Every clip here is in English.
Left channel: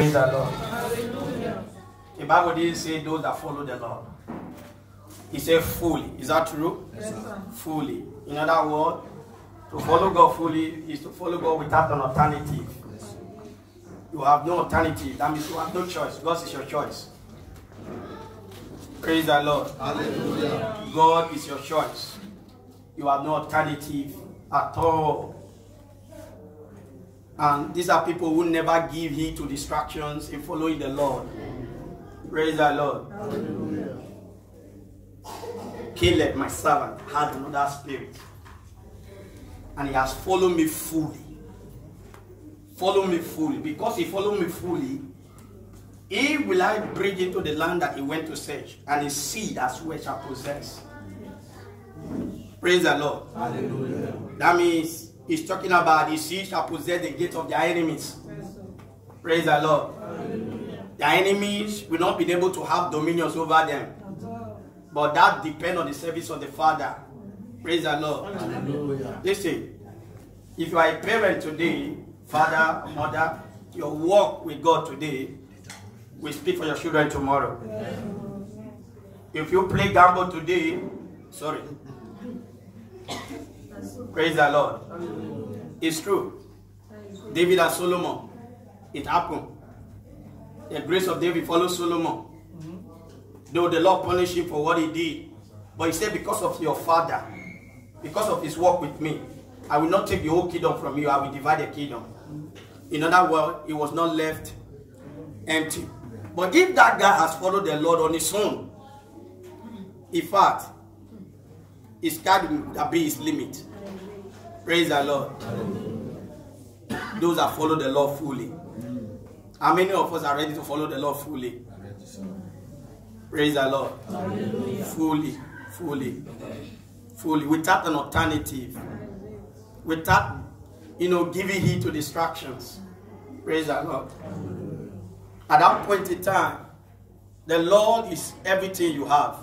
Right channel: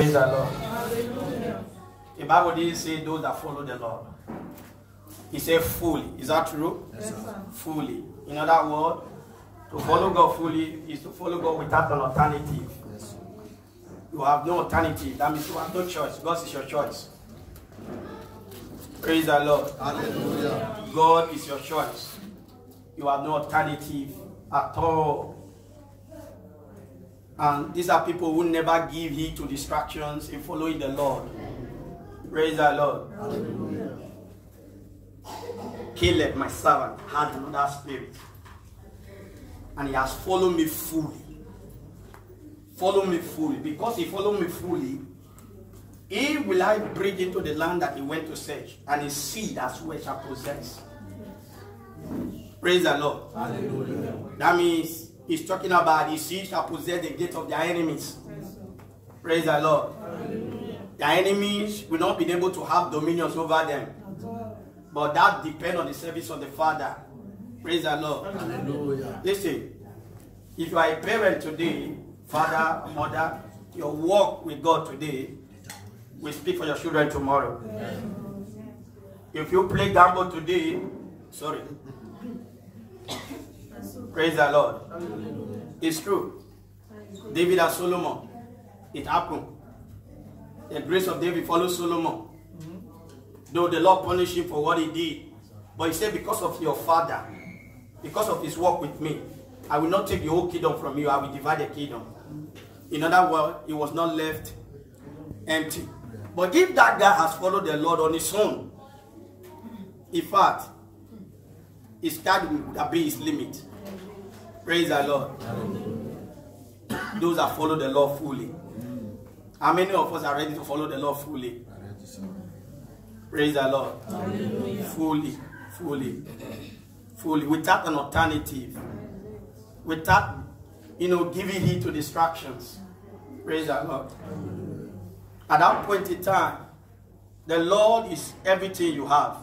Praise the Lord. Hallelujah. The Bible didn't say those that follow the Lord. He said fully. Is that true? Yes, sir. Fully. In other words, to follow God fully is to follow God without an alternative. You have no alternative. That means you have no choice. God is your choice. Praise the Lord. Hallelujah. God is your choice. You have no alternative at all. And these are people who never give heed to distractions in following the Lord. Praise the Lord. Hallelujah. Caleb, my servant, has another spirit. And he has followed me fully. Follow me fully. Because he followed me fully, he will I bring into the land that he went to search, and his seed as well shall possess. Praise the Lord. Hallelujah. That means he's talking about his seed shall possess the gate of their enemies. Praise the Lord. Hallelujah. Their enemies will not be able to have dominions over them. But that depends on the service of the Father. Praise the Lord. Hallelujah. Listen, if you are a parent today, father, mother, your walk with God today will speak for your children tomorrow. If you play gamble today, sorry. Praise the Lord. It's true. David and Solomon, it happened. The grace of David followed Solomon. Though the Lord punished him for what he did. But he said, because of your father, because of his work with me, I will not take the whole kingdom from you. I will divide the kingdom. In other words, he was not left empty. But if that guy has followed the Lord on his own, in fact, his card will be his limit. Praise the Lord. Those that follow the Lord fully. How many of us are ready to follow the Lord fully? Praise the Lord. Hallelujah. Fully, fully, fully, without an alternative, without, giving heed to distractions. Praise the Lord. At that point in time, the Lord is everything you have.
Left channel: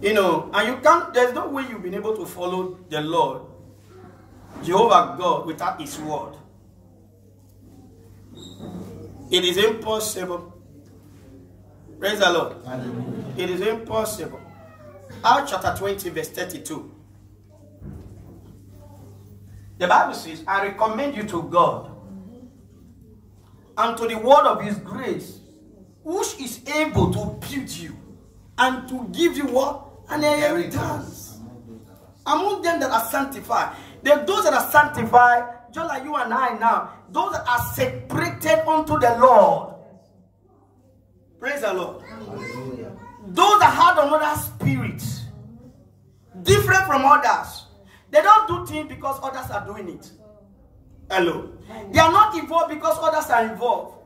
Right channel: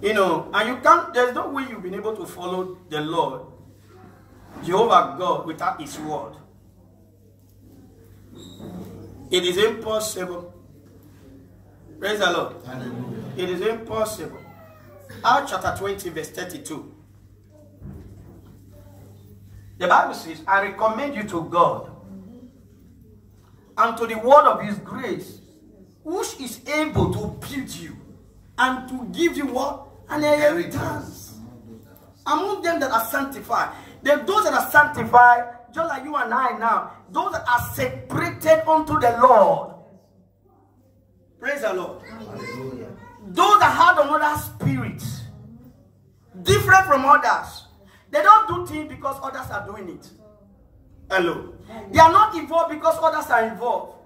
And you can't, there's no way you've been able to follow the Lord, Jehovah God, without his word. It is impossible. Praise the Lord. Hallelujah. It is impossible. Acts chapter 20, verse 32. The Bible says, I recommend you to God and to the word of his grace, which is able to build you and to give you what? An inheritance. Among them that are sanctified. Those that are sanctified, just like you and I now, those that are separated unto the Lord. Praise the Lord. Hallelujah. Those that have another spirit, different from others, they don't do things because others are doing it. Hello. They are not involved because others are involved.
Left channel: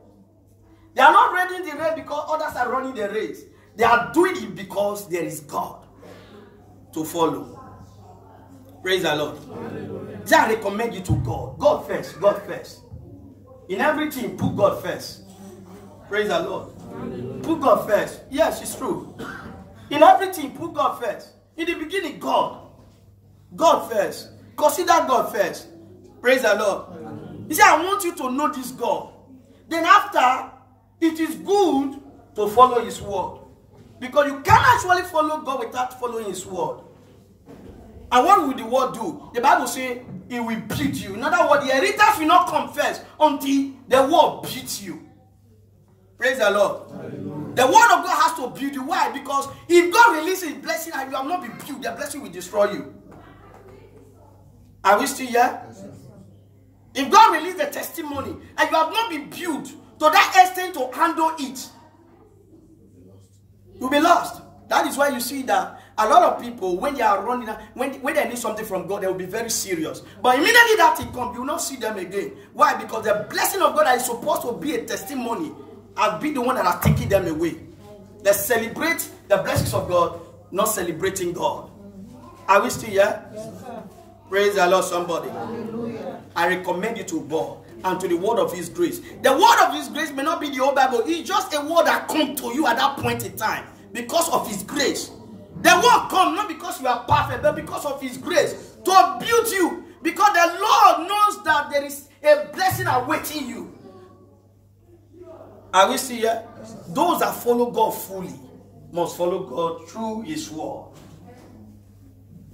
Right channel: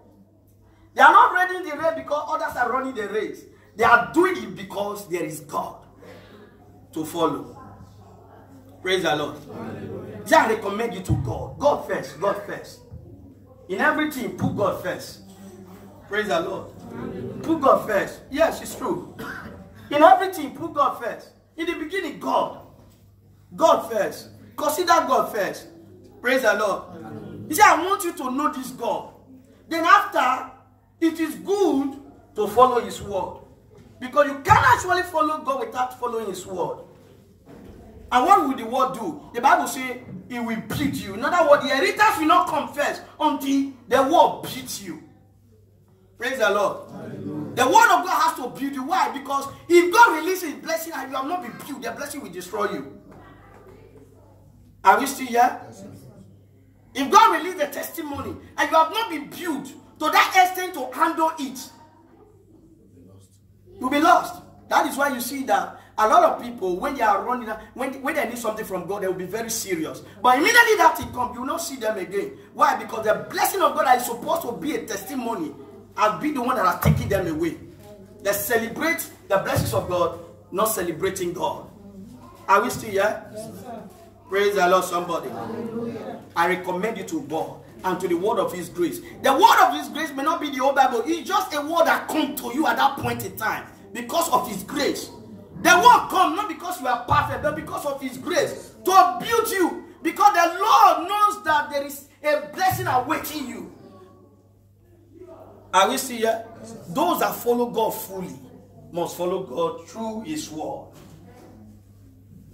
They are not running the race because others are running the race. They are doing it because there is God to follow. Praise the Lord. Hallelujah. I recommend you to God. God first. God first. In everything, put God first. Praise the Lord. Hallelujah. Put God first. Yes, it's true. In everything, put God first. In the beginning, God. God first. Consider God first. Praise the Lord. Hallelujah. He said, I want you to know this God. Then after, it is good to follow his word. Because you can't actually follow God without following his word. And what will the word do? The Bible says it will beat you. In other words, the inheritance will not come first until the word beats you. Praise the Lord. Hallelujah. The word of God has to build you. Why? Because if God releases his blessing and you have not been built, the blessing will destroy you. Are we still here? Yes, if God releases the testimony and you have not been built to that extent to handle it, you'll be lost. That is why you see that a lot of people, when they are running, when they need something from God, they will be very serious. But immediately that it comes, you will not see them again. Why? Because the blessing of God that is supposed to be a testimony has been the one that has taken them away. They celebrate the blessings of God, not celebrating God. Are we still here? Yes, sir. Praise the Lord, somebody. Hallelujah. I recommend you to God and to the word of his grace. The word of his grace may not be the whole Bible. It's just a word that comes to you at that point in time because of his grace. The word comes not because you are perfect, but because of his grace to build you. Because the Lord knows that there is a blessing awaiting you. Are we still here? Those that follow God fully must follow God through his word.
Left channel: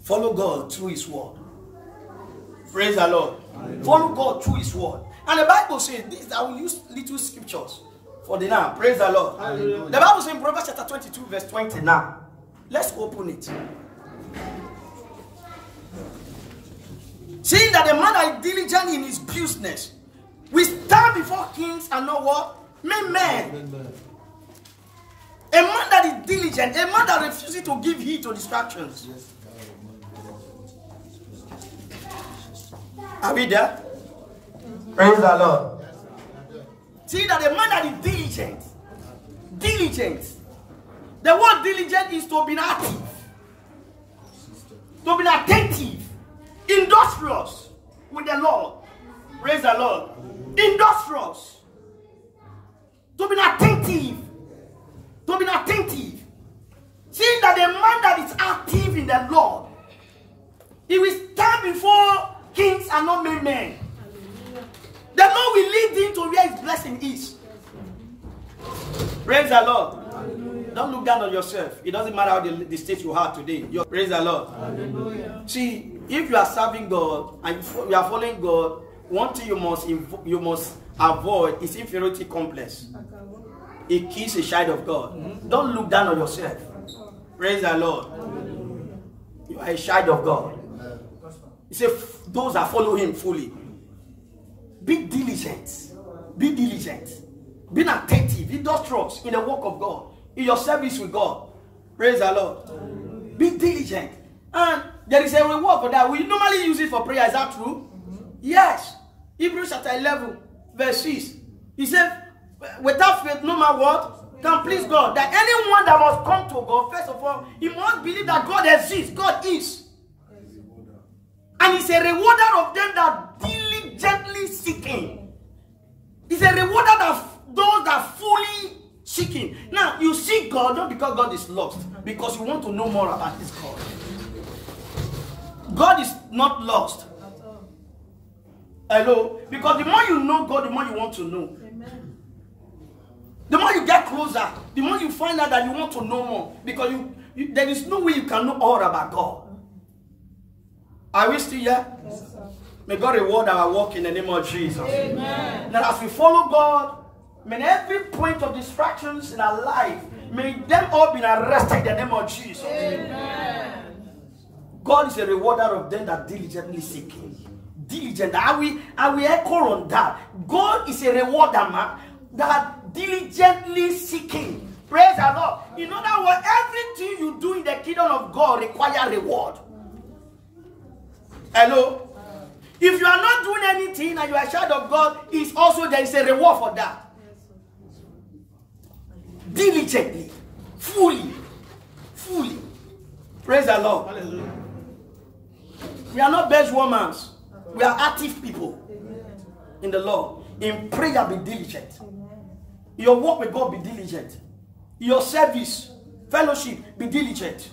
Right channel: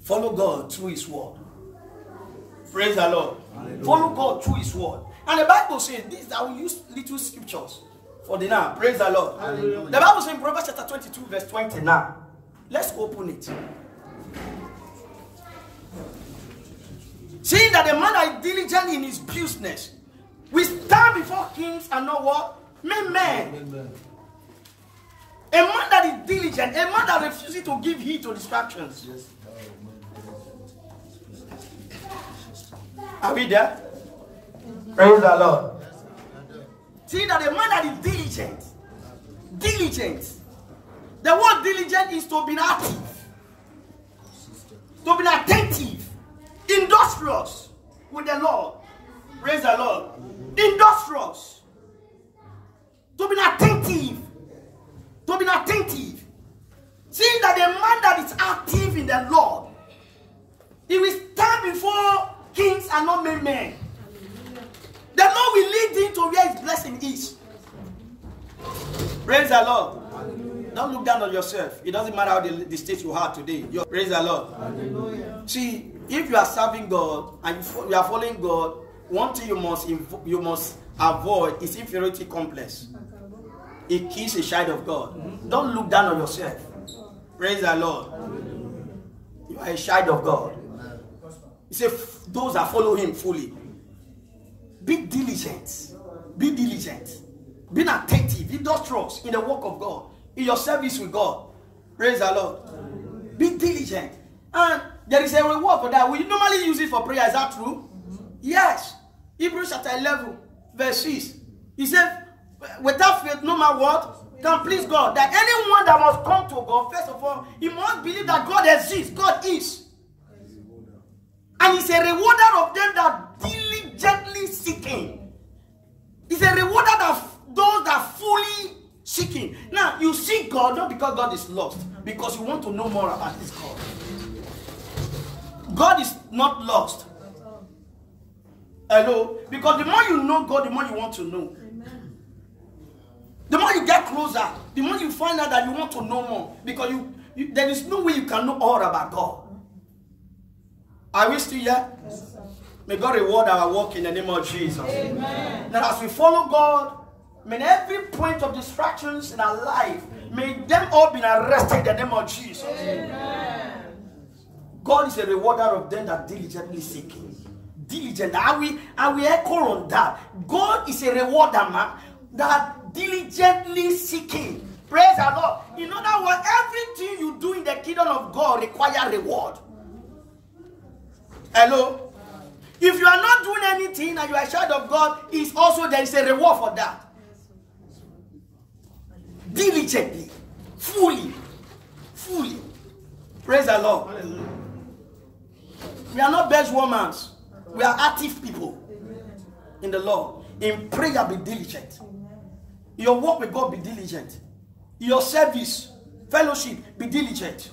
Follow God through his word. Praise the Lord. Hallelujah. Follow God through his word. And the Bible says, this, I will use little scriptures for the now. Praise the Lord. Hallelujah. The Bible says in Proverbs chapter 22 verse 29. Let's open it. Seeing that the man that is diligent in his business will stand before kings and not what? Men. Amen. A man that is diligent, a man that refuses to give heed to distractions. Are we there? Praise the Lord. See that a man that is diligent. The word diligent is to be active, to be attentive, industrious with the Lord. Praise the Lord. Industrious. To be attentive. Seeing that the man that is active in the Lord, he will stand before kings and not men. The Lord will lead him to where his blessing is. Praise the Lord. Hallelujah. Don't look down on yourself. It doesn't matter how the state you are today. Praise the Lord. Hallelujah. See, if you are serving God and you are following God, one thing you must avoid is inferiority complex. It kills a child of God. Don't look down on yourself. Praise the Lord. You are a child of God. He said, those that follow him fully. Be diligent. Be diligent. Be attentive, industrious in the work of God, in your service with God. Praise the Lord. Be diligent. And there is a reward for that. We normally use it for prayer. Is that true? Yes. Hebrews chapter 11, verse 6. He said, without faith, no matter what, can please God. That anyone that must come to God, first of all, he must believe that God exists. God is. And he's a rewarder of them that diligently seeking. He's a rewarder of those that fully seeking. Now, you seek God not because God is lost, because you want to know more about this God. God is not lost. Hello? Because the more you know God, the more you want to know. Amen. The more you get closer, the more you find out that you want to know more. Because there is no way you can know all about God. Are we still here? Yes, sir. May God reward our work in the name of Jesus. Amen. That as we follow God, may every point of distractions in our life, may them all be arrested in the name of Jesus. Amen. God is a rewarder of them that diligently seek him. Diligent. I will echo on that. God is a rewarder, man, that diligently seeking. Praise the Lord. In other words, everything you do in the kingdom of God requires reward. Hello? If you are not doing anything and you are a child of God, it's also there is a reward for that. Diligently, fully. Praise the Lord. Hallelujah. We are not benchwarmers. We are active people in the Lord. In prayer, be diligent. Your work with God, be diligent. Your service, fellowship, be diligent.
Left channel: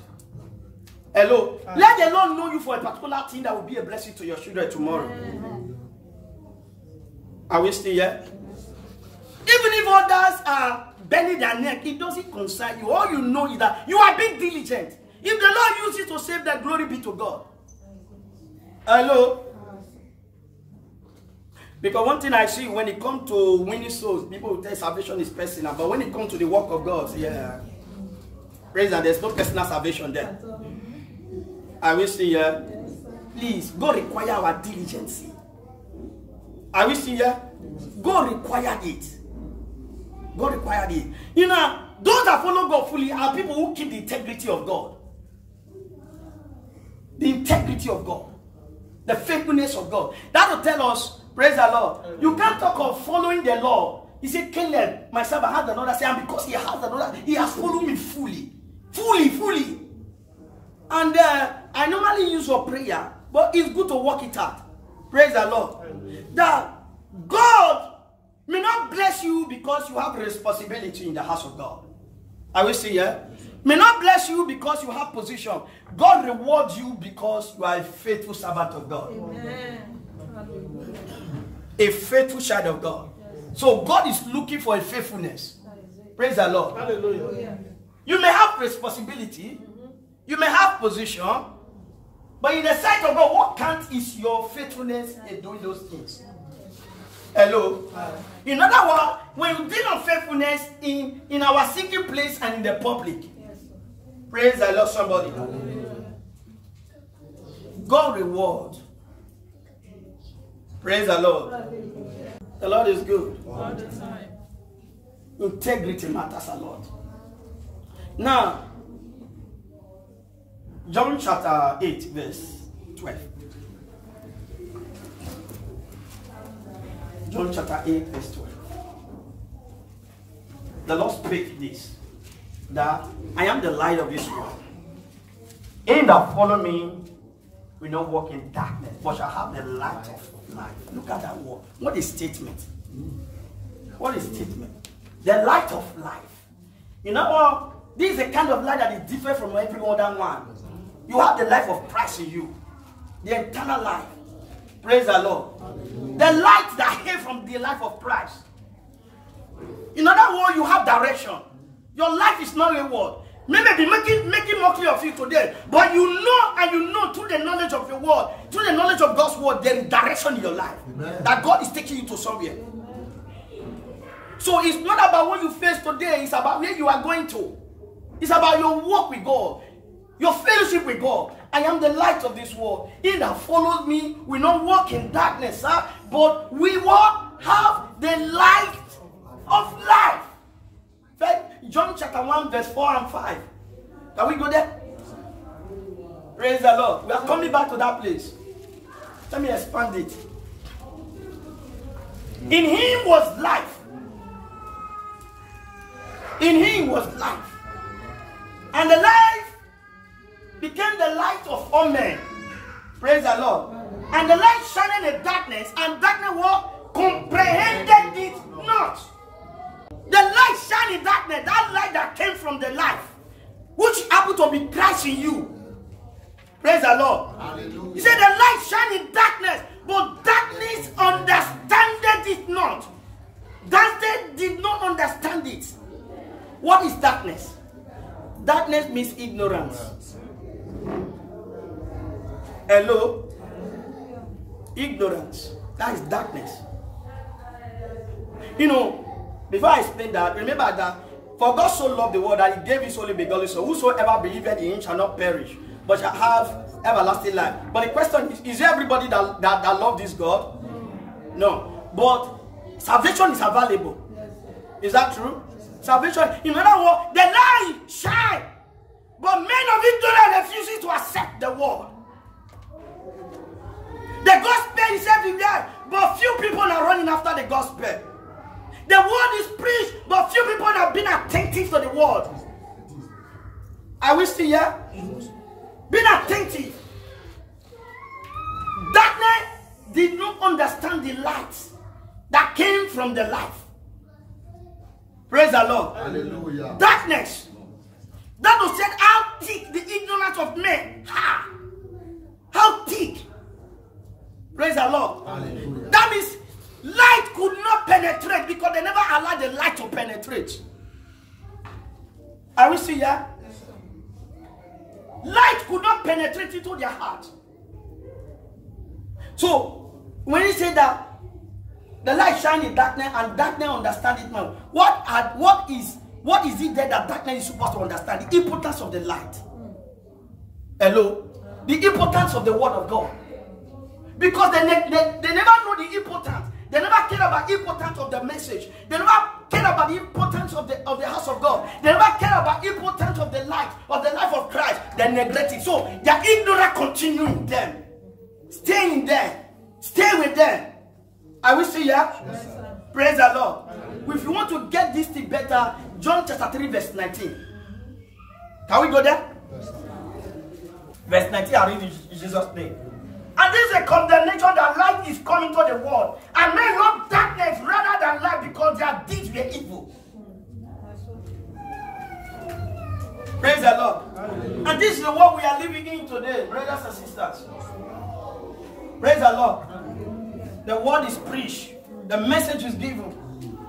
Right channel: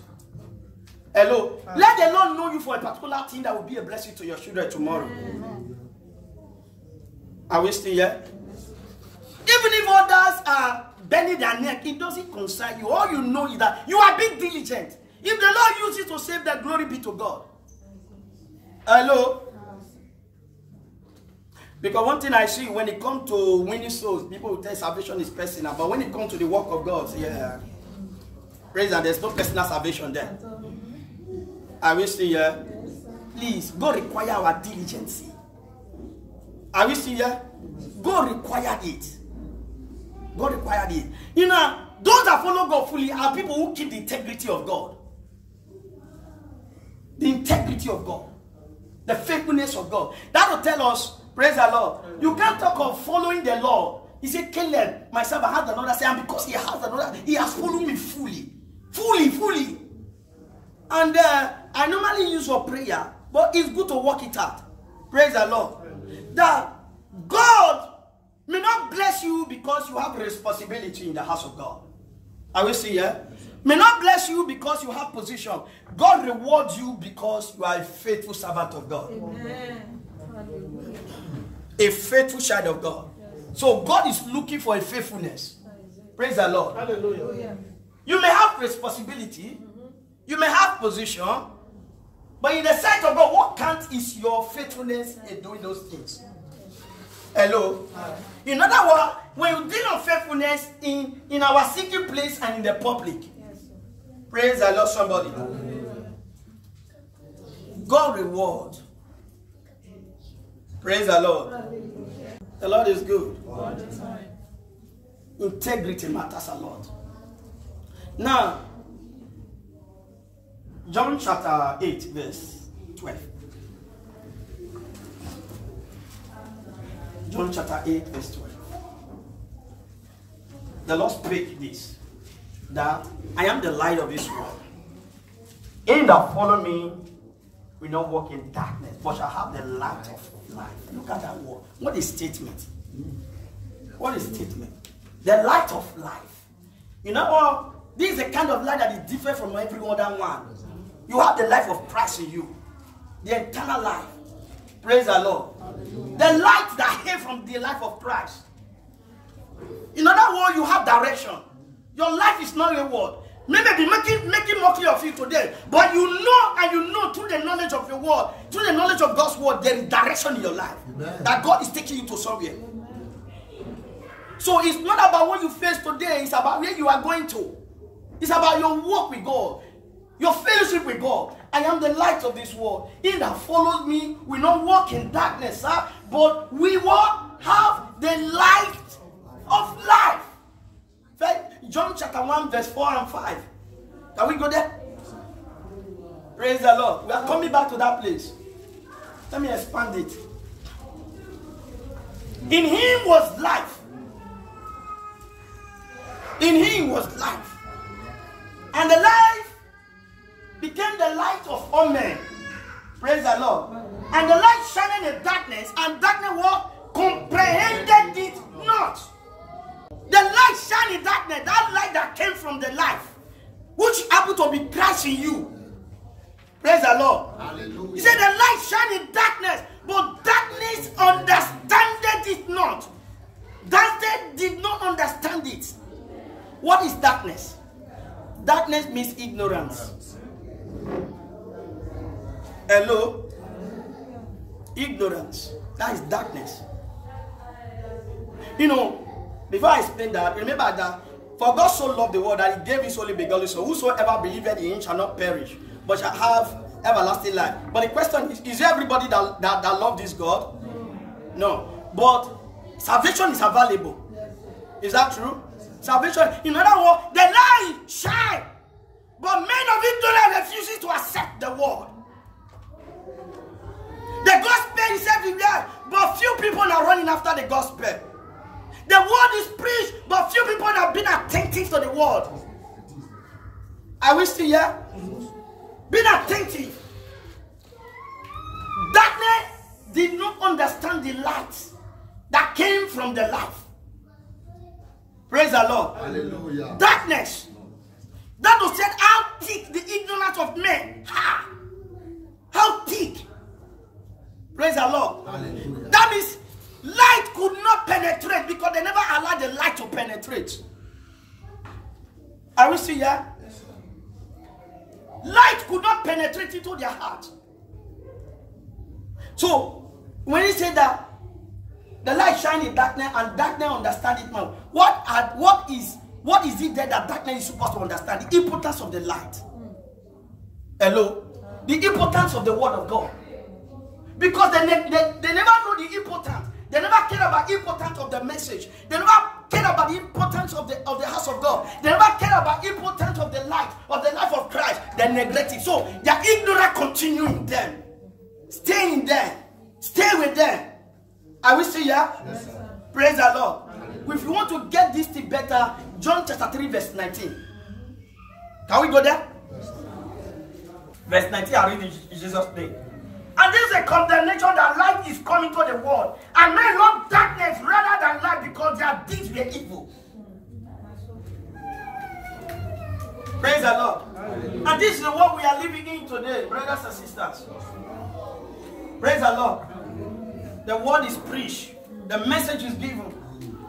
Hello. Let the Lord know you for a particular thing that will be a blessing to your children tomorrow. Are we still here? Even if others are bending their neck, it doesn't concern you. All you know is that you are being diligent. If the Lord uses to save them, glory be to God. Hello. Because one thing I see when it comes to winning souls, people will tell salvation is personal. But when it comes to the work of God, yeah, praise God, there's no personal salvation there. I will see here. Please, God require our diligence. I will see here. God required it. God required it. You know, those that follow God fully are people who keep the integrity of God. The integrity of God. The faithfulness of God. That will tell us, praise the Lord. You can't talk of following the law. He said, Caleb, myself, I had another say, and because he has another, he has followed me fully. Fully. And I normally use for prayer, but it's good to work it out. Praise the Lord. That God may not bless you because you have responsibility in the house of God. I will say, yeah? May not bless you because you have position. God rewards you because you are a faithful servant of God. Amen. A faithful child of God. So God is looking for a faithfulness. Praise the Lord. Hallelujah. You may have responsibility. You may have position. But in the sight of God, what counts is your faithfulness in doing those things. Hello? In other words, when you deal on faithfulness in our secret place and in the public. Praise the Lord, somebody. God reward. Praise the Lord. The Lord is good. Integrity matters a lot. Now, John chapter 8, verse 12. John chapter 8, verse 12. The Lord spake this, that I am the light of this world. He that follow me will not walk in darkness, but shall have the light of life. Look at that word. What is statement? What is statement? The light of life. You know what? This is a kind of light that is different from every other one. You have the life of Christ in you. The eternal life. Praise the Lord. The light that came from the life of Christ. In other words, you have direction. Your life is not a word. Maybe making mockery of you today, but you know, and you know through the knowledge of your word, through the knowledge of God's word, there is direction in your life. Amen. That God is taking you to somewhere. Amen. So it's not about what you face today, it's about where you are going to. It's about your walk with God, your fellowship with God. I am the light of this world. He that follows me will not walk in darkness, but we will have the light of life. John chapter 1, verse 4 and 5. Can we go there? Praise the Lord. We are coming back to that place. Let me expand it. In him was life. In him was life. And the life became the light of all men. Praise the Lord. And the light shined in the darkness, and darkness what? Comprehended it not. The light shine in darkness, that light that came from the life, which happened to be Christ in you. Praise the Lord. Hallelujah. He said the light shine in darkness, but darkness understandeth it not. Darkness did not understand it. What is darkness? Darkness means ignorance. Hello? Ignorance. That is darkness. You know, before I explain that, remember that for God so loved the world that he gave his only begotten Son, whosoever believeth in him shall not perish, but shall have everlasting life. But the question is there everybody that love this God? No. But salvation is available. Is that true? Salvation, in other words, the light shine, but men of ignorance refuses to accept the word. The gospel is everywhere, but few people are running after the gospel. The word is preached, but few people have been attentive to the word. Are we still here? Being attentive. Darkness did not understand the light that came from the life. Praise the Lord. Hallelujah. Darkness. That was said how thick the ignorance of men. How thick. Praise the Lord. Hallelujah. That means light could not penetrate because they never allowed the light to penetrate. Are we still here? Yes, light could not penetrate into their heart. So, when he said that the light shine in darkness and darkness understand it now, what is it there that darkness is supposed to understand? The importance of the light. Hello? The importance of the word of God. Because they never know the importance. They never care about the importance of the message. They never care about the importance of the house of God. They never care about the importance of the light, of the life of Christ. They neglect it. So their ignorance continue in them. Stay in them. Stay with them. Are we still here? Yes, praise the Lord. If you want to get this thing better, John chapter 3 verse 19. Can we go there? Yes, verse 19, I read in Jesus' name. And this is a condemnation that light is coming to the world. And men love darkness rather than light because their deeds were evil. Praise the Lord. Hallelujah. And this is the world we are living in today, brothers and sisters. Praise the Lord. The word is preached. The message is given.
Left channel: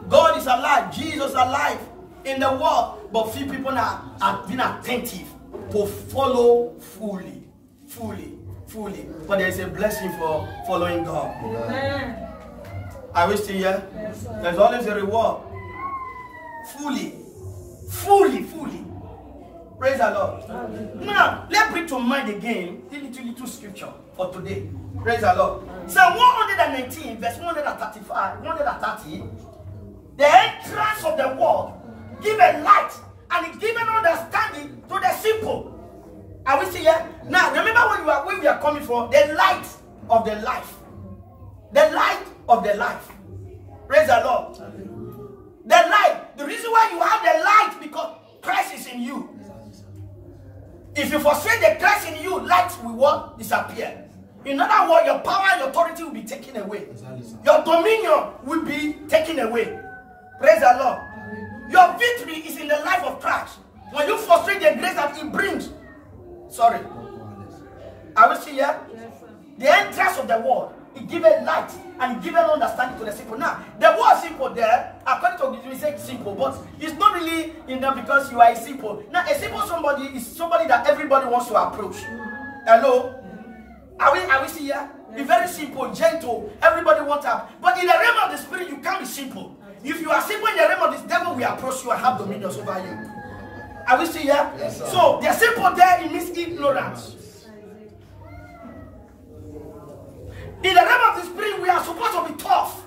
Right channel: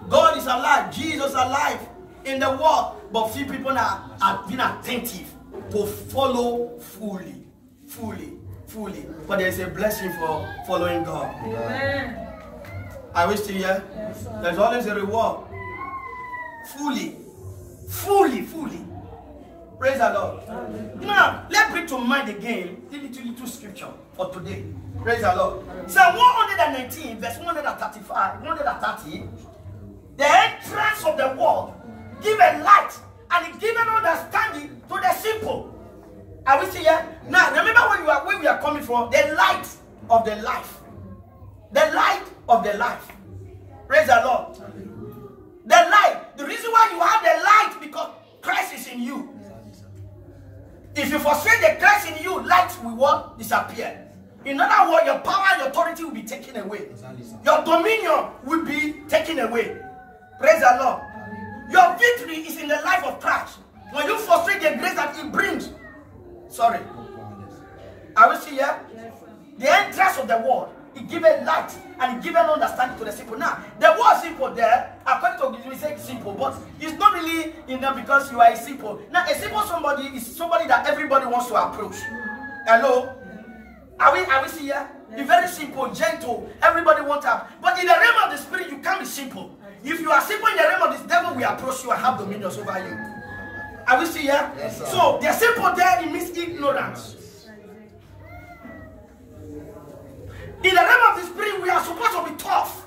God is alive. Jesus alive in the world. But few people are being attentive to follow fully. But there is a blessing for following God. Amen. Are we still here? Yes, sir. There's always a reward. Fully. Praise the Lord. Now, let's bring to mind again the little scripture for today. Praise the Lord. Psalm 119, verse 135, 130. The entrance of the world give a light and it give an understanding to the simple. Are we still here? Now, remember where we are coming from. The light of the life. The light of the life. Praise the Lord. The light. The reason why you have the light because Christ is in you. If you forsake the Christ in you, light will disappear. In other words, your power and authority will be taken away. Your dominion will be taken away. Praise the Lord. Your victory is in the life of Christ. When you frustrate the grace that He brings. Sorry. Are we still here? Yes, sir. The entrance of the word, it gives light and it gives understanding to the simple. Now, the word simple there, according to this, we say simple, but it's not really because you are a simple. Now, a simple somebody is somebody that everybody wants to approach. Hello? Are we still here? Be very simple, gentle. Everybody wants to have. But in the realm of the spirit, you can't be simple. If you are simple in the realm of this, devil will approach you and have dominion over you. Are we still here? Yes, sir. So, the simple there, it means ignorance. In the realm of the spirit, we are supposed to be tough.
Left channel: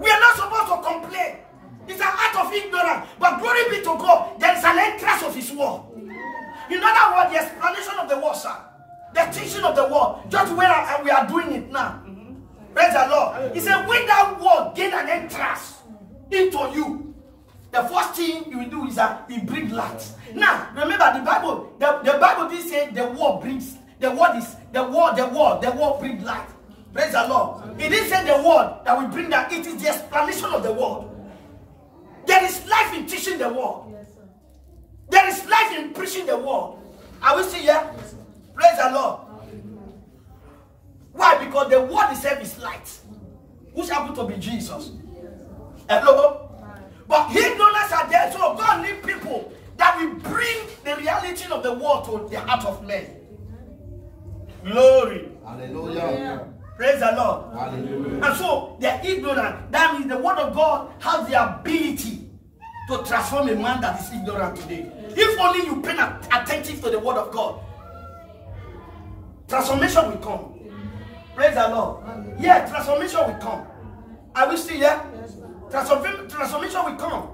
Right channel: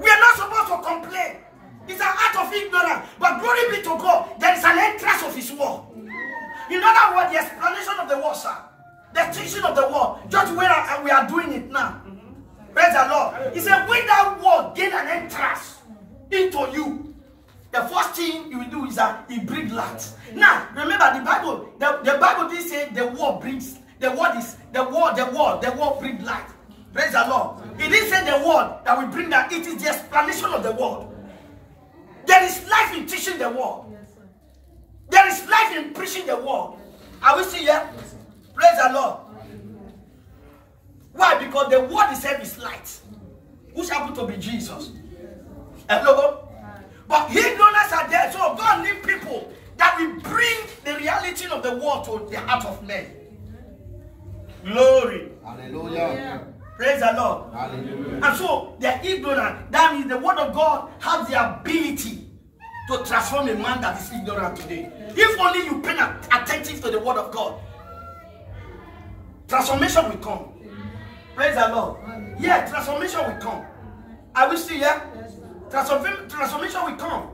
We are not supposed to complain. It's an act of ignorance. But glory be to God, there is an entrance of His word. In other words, the explanation of the word, sir. The teaching of the word. Just where we are doing it now. Praise the Lord. He said, when that word gain an entrance into you, the first thing you will do is that it brings light. Now, remember the Bible. The Bible did say the word brings. The word brings light. Praise the Lord. It didn't say the word that will bring that. It is the explanation of the word. There is life in teaching the word. Yes, sir. There is life in preaching the word. Are we still here? Praise the Lord. Why? Because the word itself is light. Which happened to be Jesus. Hello? But ignorance are there. So God needs people that will bring the reality of the word to the heart of men. Glory. Hallelujah. Praise the Lord. Hallelujah. And so they are ignorant. That means the word of God has the ability to transform a man that is ignorant today. If only you pay attentive to the word of God, transformation will come. Praise the Lord. Yeah, transformation will come. Are we still here? Yes, sir. Transformation will come.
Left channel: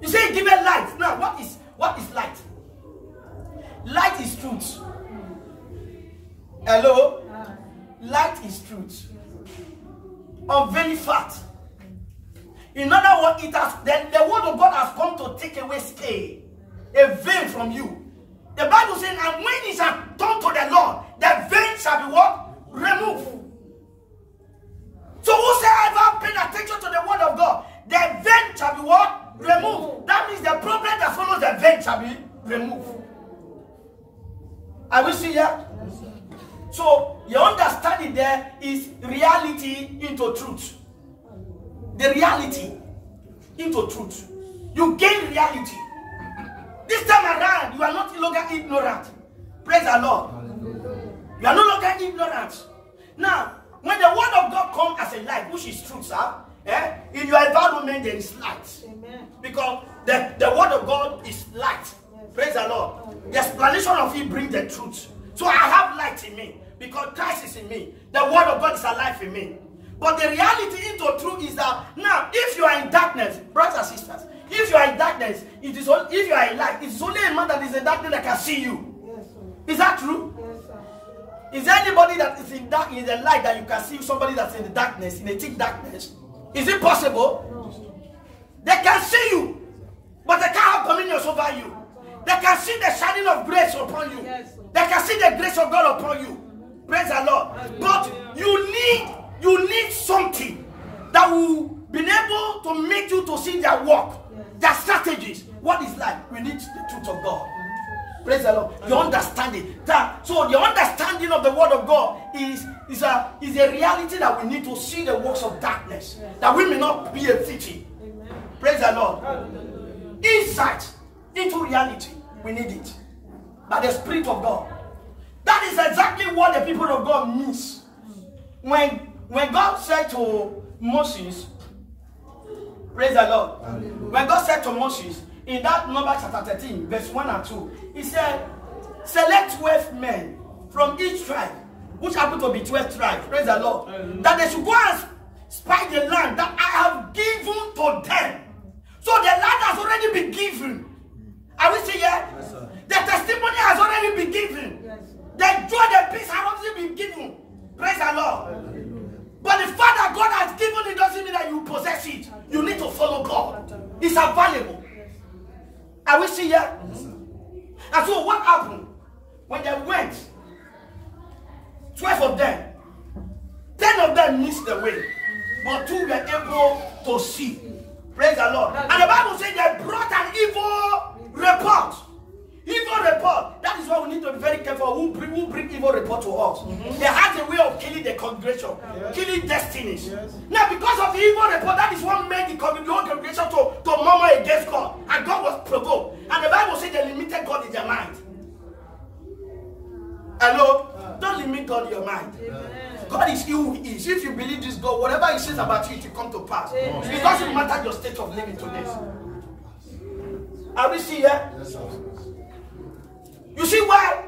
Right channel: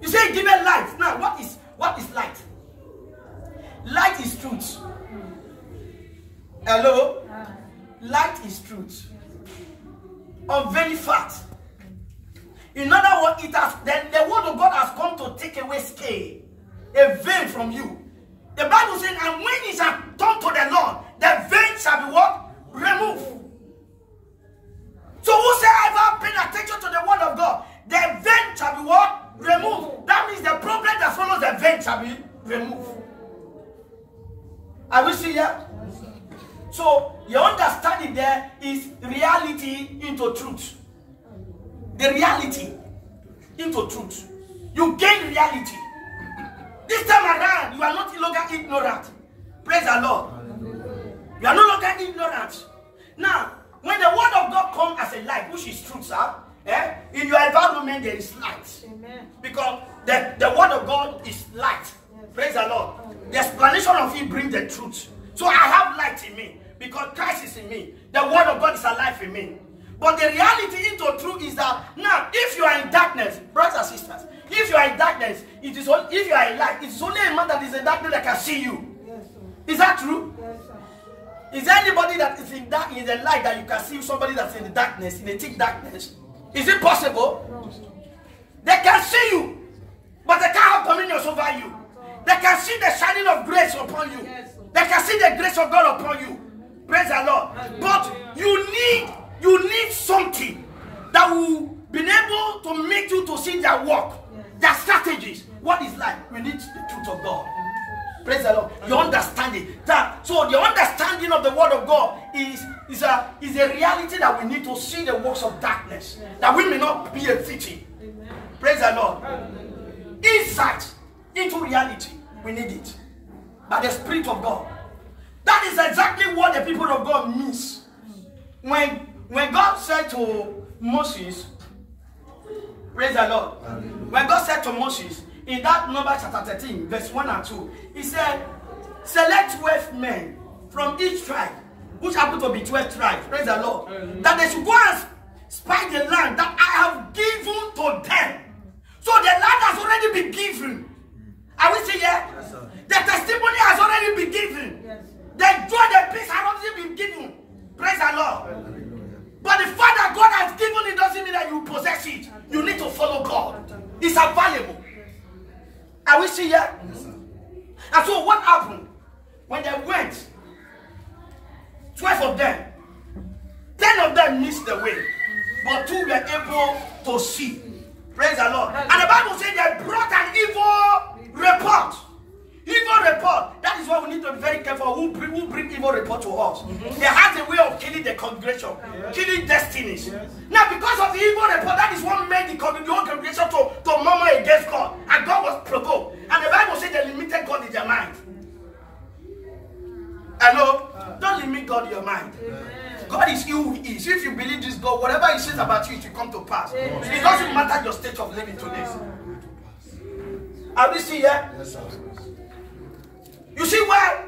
You say give it light. Now, what is light? Light is truth. Hello? Light is truth. Unveiling fact. In other words, the word of God has come to take away scale, a veil from you. The Bible says, and when it shall turn to the Lord, the veil shall be what? Removed. So whosoever pays attention to the word of God, the veil shall be what? Removed. That means the problem that follows the veil shall be removed. Are we still here? Yes, sir. So your understanding there is reality into truth. The reality into truth. You gain reality. This time around, you are not longer ignorant. Praise the Lord. You are no longer ignorant. Now, when the word of God comes as a light, which is truth, sir, in your environment there is light. Amen. Because the word of God is light. Yes. Praise the Lord. The explanation of it brings the truth. So I have light in me because Christ is in me. The word of God is alive in me. But the reality into truth is that now, if you are in darkness, brothers and sisters, if you are in darkness, if you are in light, it is only a man that is in darkness that can see you. Yes, sir. Is that true? Yes, sir. Is there anybody that is in the light that you can see somebody that's in the darkness, in the thick darkness? Is it possible? No. They can see you, but they can't have dominion over you. They can see the shining of grace upon you. Yes, sir. They can see the grace of God upon you. Praise the Lord. But you need something that will be able to make you to see their work, their strategies. What is life? We need the truth of God. Praise the Lord. Your understanding. So the understanding of the word of God is a reality that we need to see the works of darkness. That we may not be a victim. Praise the Lord. Insight into reality. We need it. By the Spirit of God. That is exactly what the people of God means. When God said to Moses, praise the Lord. When God said to Moses, in that Numbers chapter 13, verse 1 and 2, he said, select 12 men from each tribe, which happen to be 12 tribes, praise the Lord, that they should go and spy the land that I have given to them. So the land has already been given. Are we still here? Yes, the testimony has already been given. Yes. The joy, the peace has already been given. Praise the Lord. But the fact that God has given it doesn't mean that you possess it. You need to follow God. It's available. Are we still here? Yes, and so what happened? When they went, 12 of them, 10 of them missed the way, but 2 were able to see. Praise the Lord. And the Bible says they brought an evil report. Evil report. That is why we need to be very careful who bring evil report to us. They have a way of killing the congregation, killing destinies. Now, because of the evil report, that is what made the congregation to murmur against God. And God was provoked. And the Bible says they limited God in their mind. Hello? Don't limit God in your mind. God is who He is. If you believe this God, whatever He says about you, it will come to pass. It doesn't matter your state of living today. Are we still here? Yes, sir. You see why?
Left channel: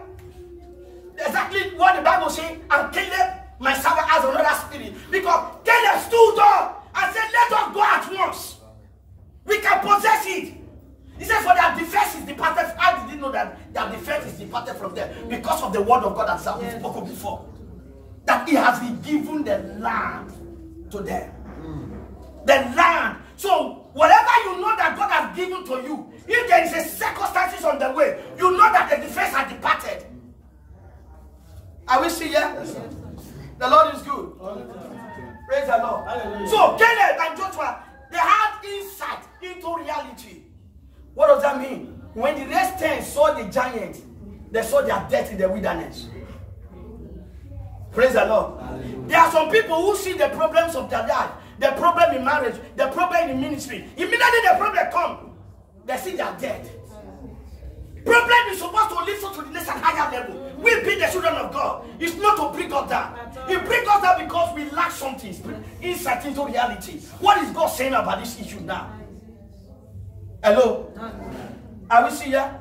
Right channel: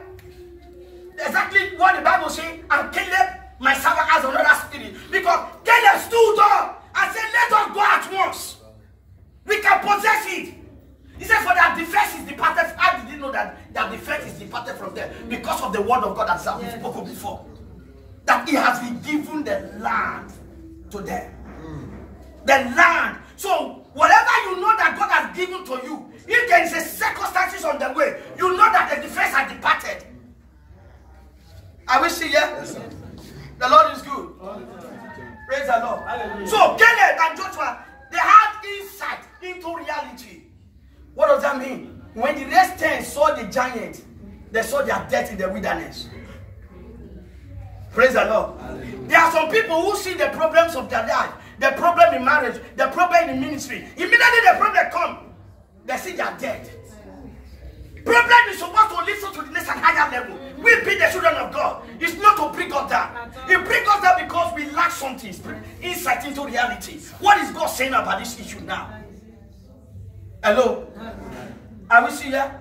Exactly what the Bible says. And Caleb, my servant, has another spirit. Because Caleb stood up and said, let us go at once. We can possess it. He said, for that defense is departed. How did you know that defense is departed from them? Because of the word of God that has been spoken before. That He has been given the land to them. The land. So, whatever you know that God has given to you, if there is a circumstances on the way, you know that the defense has departed. Are we still here? Yes, sir. The Lord is good. Praise the Lord. Hallelujah. So, Caleb and Joshua, they had insight into reality. What does that mean? When the rest 10 saw the giant, they saw their death in the wilderness. Praise the Lord. Hallelujah. There are some people who see the problems of their life, the problem in marriage, the problem in the ministry. Immediately the problem comes, they see they are dead. Problem is supposed to listen to the next and higher level. We be the children of God. It's not to bring us down. It brings us down because we lack something, insight into reality. What is God saying about this issue now? Hello? Are we still here?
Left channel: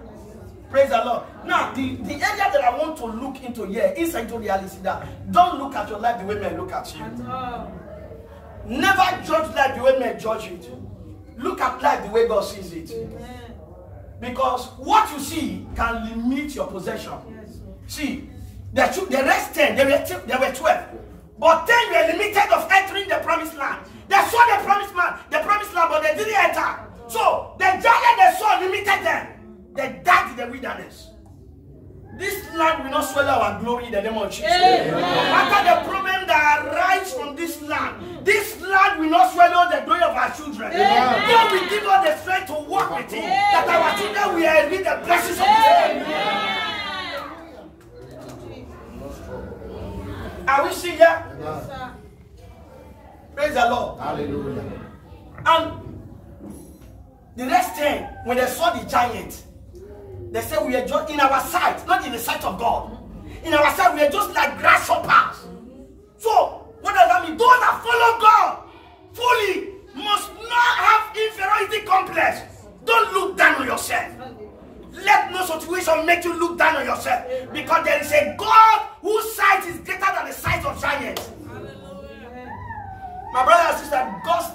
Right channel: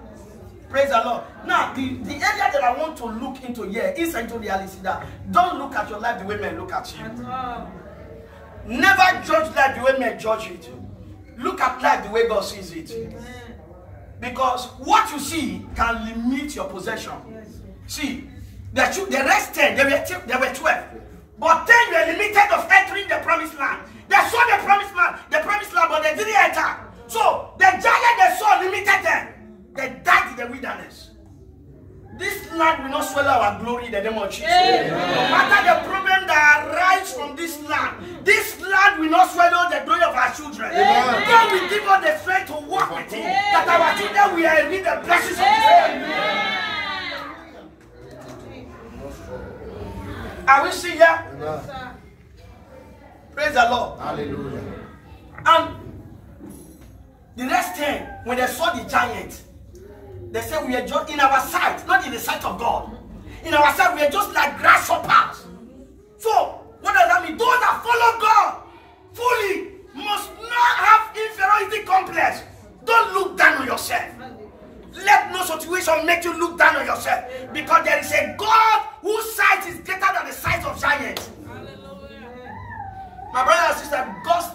Praise the Lord. Now, the area that I want to look into here is into reality that don't look at your life the way men look at you. Never judge life the way men judge it. Look at life the way God sees it. Because what you see can limit your possession. See, the rest 10, they were 12. But 10 were limited of entering the promised land. They saw the promised land, but they didn't enter. So, the giant they saw limited them. They died in the wilderness. This land will not swallow our glory in the name of Jesus. Amen. No matter the problem that arises from this land will not swallow the glory of our children. Amen. God will give us the strength to walk with Him. Amen. That our children will inherit the blessings of His name. Are we still here? Amen. Praise the Lord. Hallelujah. And the next 10, when they saw the giant, they said we are just in our sight, not in the sight of God. In our sight, we are just like grasshoppers. So, what does that mean? Those that follow God fully must not have inferiority complex. Don't look down on yourself. Let no situation make you look down on yourself. Because there is a God whose sight is greater than the size of giants. My brother and sister,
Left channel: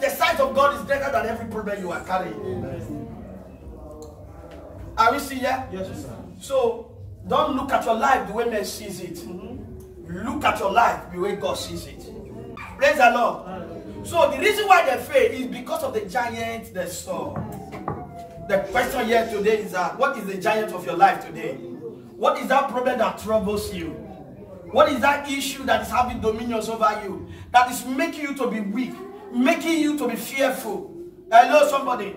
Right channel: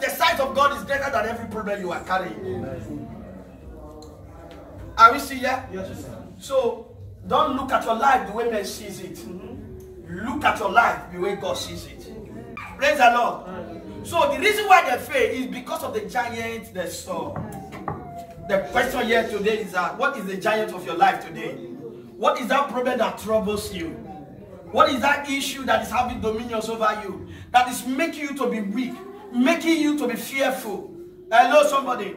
the size of God is greater than every problem you are carrying. Are we still here? Yes, sir. So, don't look at your life the way man sees it. Look at your life the way God sees it. Praise the Lord. So, the reason why they fail is because of the giant they saw. The question here today is that, what is the giant of your life today? What is that problem that troubles you? What is that issue that is having dominion over you? That is making you to be weak, making you to be fearful. Hello, somebody.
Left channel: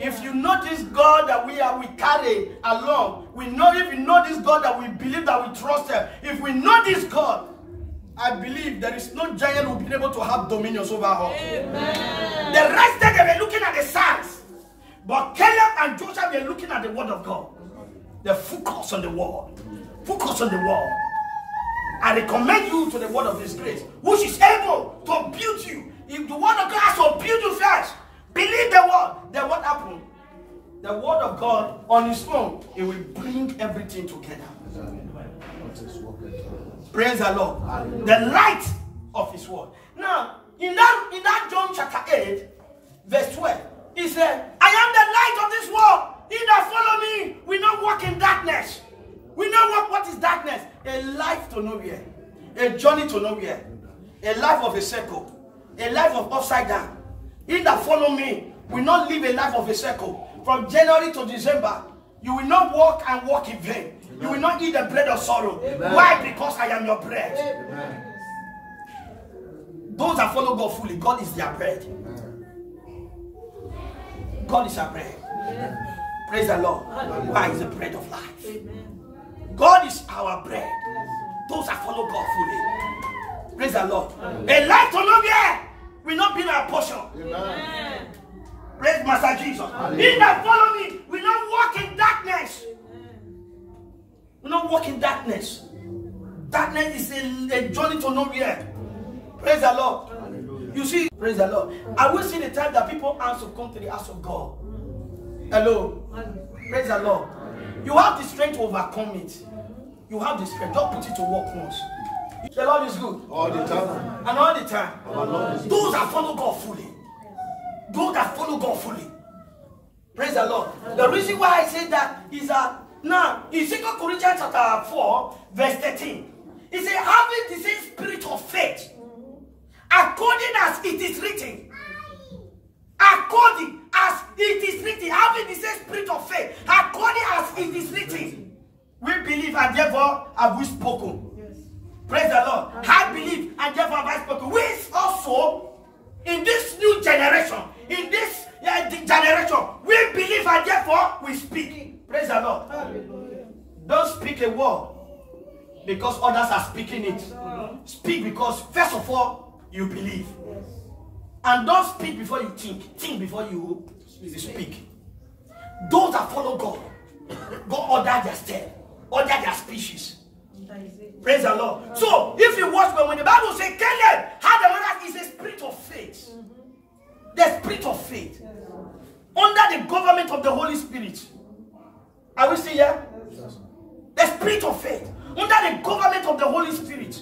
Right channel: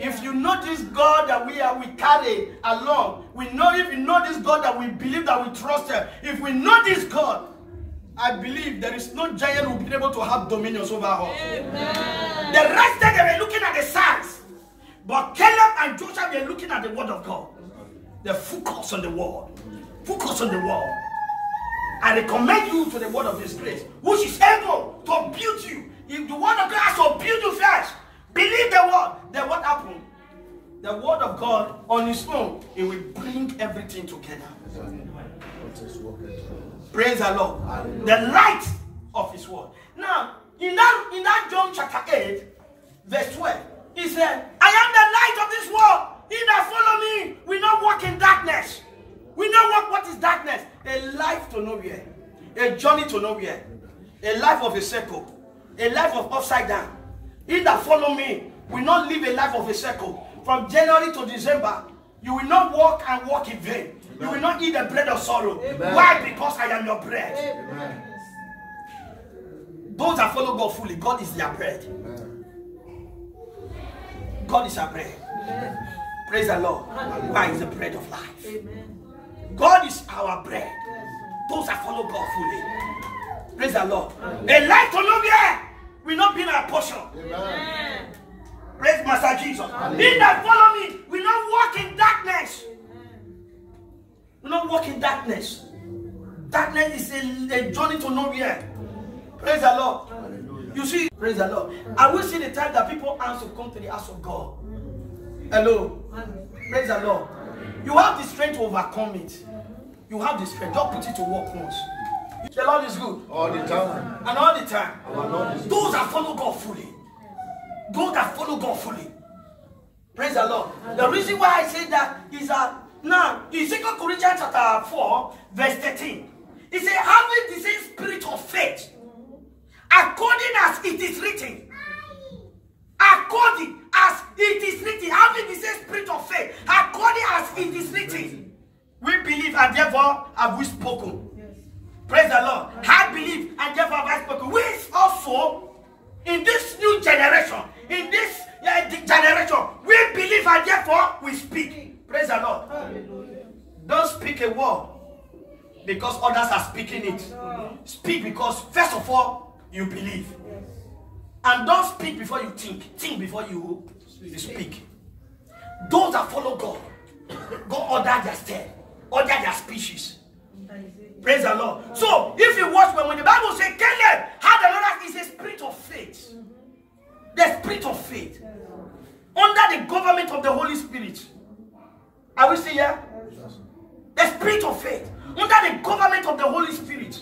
If you know this God that we carry along, if you know this God that we believe, that we trust him, if we know this God, I believe there is no giant who will be able to have dominions over us. Amen. The rest of them were looking at the signs, but Caleb and Joshua were looking at the word of God. They focus on the word. Focus on the word. I recommend you to the word of his grace, which is able to build you. If the word of God has to build you first, believe the word. Then what happened? The word of God on its own, it will bring everything together. Praise the Lord. The light of his word. Now, in that John chapter 8, verse 12, he said, I am the light of this world. He that follow me will not walk in darkness. We know what is darkness. A life to nowhere. A journey to nowhere. A life of a circle. A life of upside down. He that follow me will not live a life of a circle. From January to December, you will not walk and walk in vain. Amen. You will not eat the bread of sorrow. Amen. Why? Because I am your bread. Amen. Those that follow God fully, God is their bread. Amen. God is our bread. Amen. Praise the Lord. Why is the bread of life? Amen. God is our bread. Those that follow God fully. Praise the Lord. Amen. A life to nowhere will not be our portion. Amen. Praise Master Jesus. Amen. He that follow me will not walk in darkness. Will not walk in darkness. Darkness is a journey to nowhere. Praise the Lord. Hallelujah. You see, praise the Lord. I will see the time that people answer to come to the house of God. Hello. Praise the Lord. You have the strength to overcome it. You have the strength. Don't put it to work once. The Lord is good. All the time. And all the time. Those that follow God fully. Those that follow God fully. Praise the Lord. The reason why I say that is that now in 2 Corinthians chapter 4, verse 13, it says, having the same spirit of faith, according as it is written. According as it is written, having the same spirit of faith, according as it is written, we believe and therefore have we spoken. Yes. Praise the Lord. I believe and therefore have I spoken. We also, in this new generation, in this generation, we believe and therefore we speak. Praise the Lord. Hallelujah. Don't speak a word because others are speaking it. Speak because first of all, you believe. Yes. And don't speak before you think. Think before you speak. Those that follow God, God order their step, order their species. Praise the Lord. So, if you watch when the Bible says Caleb had another, is a spirit of faith. The spirit of faith. Under the government of the Holy Spirit. Are we still here? The spirit of faith. Under the government of the Holy Spirit.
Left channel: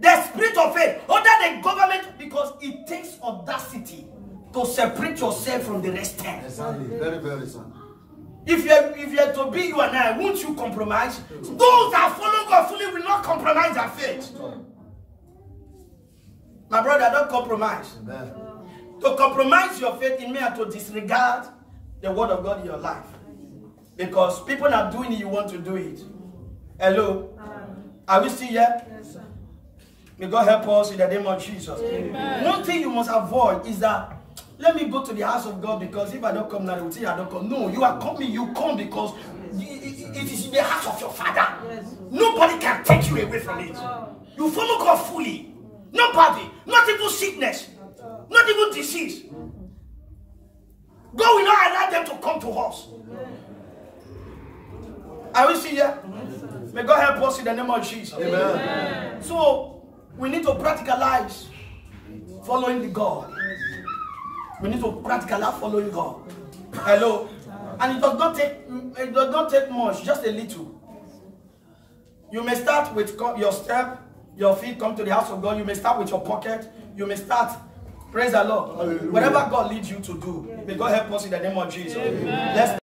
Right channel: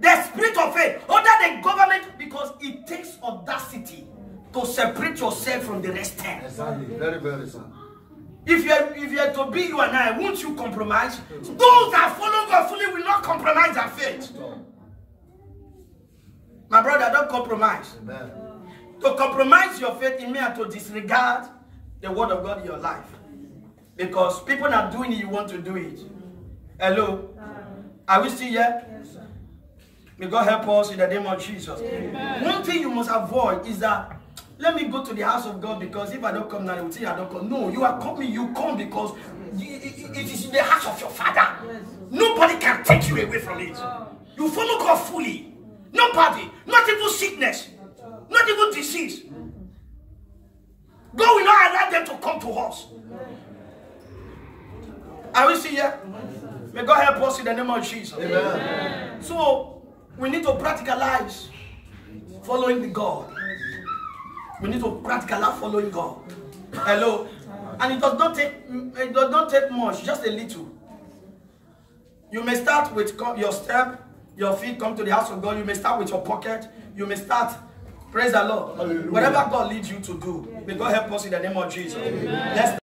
The spirit of faith under the government, because it takes audacity to separate yourself from the rest. Exactly. Very, very simple. If you're to be you and I, won't you compromise? Those that follow God fully will not compromise their faith. My brother, don't compromise. Amen. To compromise your faith in me and to disregard the word of God in your life. Because people are doing it, you want to do it. Hello? Are we still here? May God help us in the name of Jesus. Amen. One thing you must avoid is that, let me go to the house of God because if I don't come now, they will say I don't come. No, you are coming, you come because it is in the house of your Father. Yes. Nobody can take you away from it. You follow God fully. Nobody, not even sickness, not even disease. God will not allow them to come to us. Are we still here? May God help us in the name of Jesus. Amen. So, we need to practicalize following the God. We need to practicalize following God. Hello. And it does not take much, just a little. You may start with your step, your feet come to the house of God. You may start with your pocket. You may start, praise the Lord. Hallelujah. Whatever God leads you to do. May God help us in the name of Jesus. Amen. Let's